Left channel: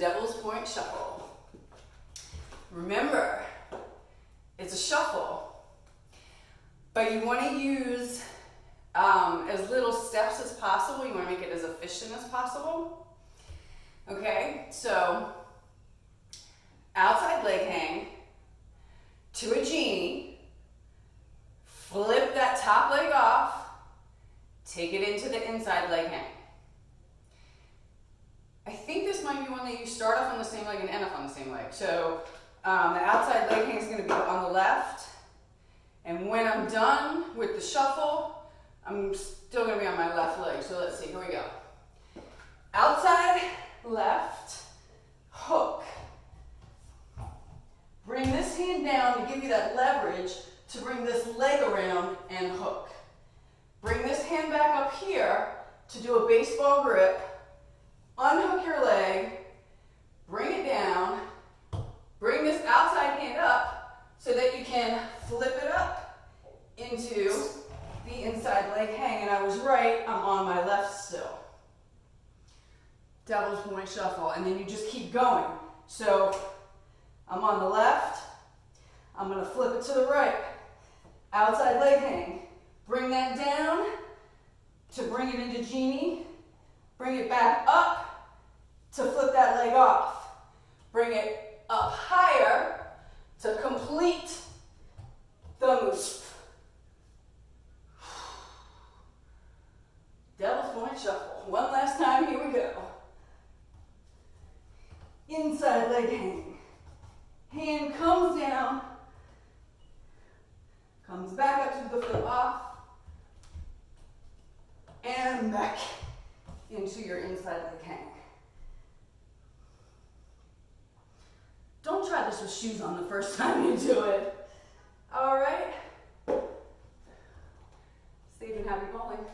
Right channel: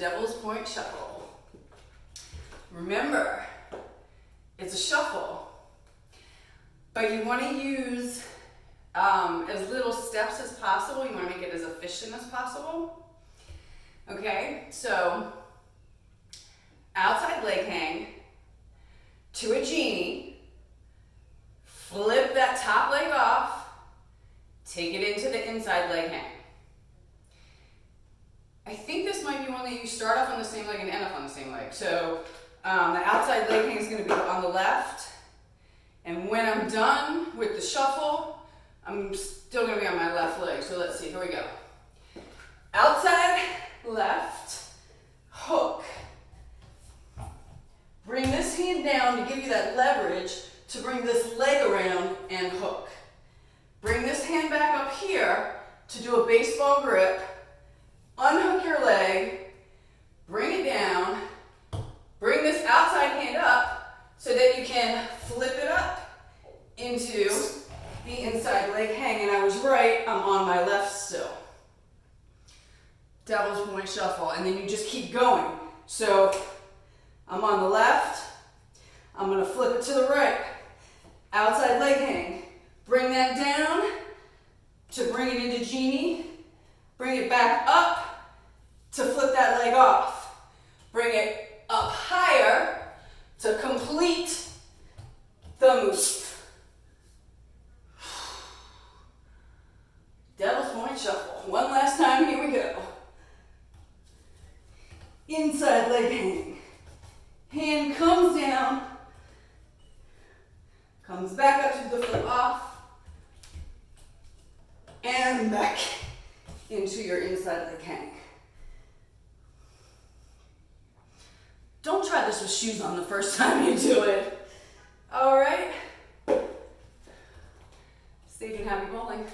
devil's point shuffle. Remember, it's a shuffle, but you want to use as little steps as possible. You want to make it as efficient as possible. Okay, so outside leg hang to a genie, flip that top leg off, take it into the inside leg hang. I think this might be one that you start off on the same leg and end up on the same leg. So the outside leg hang is going to be on the left. And when I'm done with the shuffle, I'm still going to be on my left leg. So let's see, here we go. Outside left, hook. Bring this hand down to give you that leverage to bring this leg around and hook. Bring this hand back up here to do a baseball grip. Unhook your leg, bring it down, bring this outside hand up so that you can flip it up into the inside leg hang. And I was right, I'm on my left still. Devil's point shuffle, and then you just keep going. So I'm on the left, I'm gonna flip it to the right. Outside leg hang, bring that down to bring it into genie, bring it back up to flip that leg off. Bring it up higher to complete the move. Devil's point shuffle. One last time, here we go. Inside leg hang. Hand comes down, comes back up to the flip off, and back into your inside leg hang. Don't try this with shoes on the first time you do it. All right? Safe and happy bowling.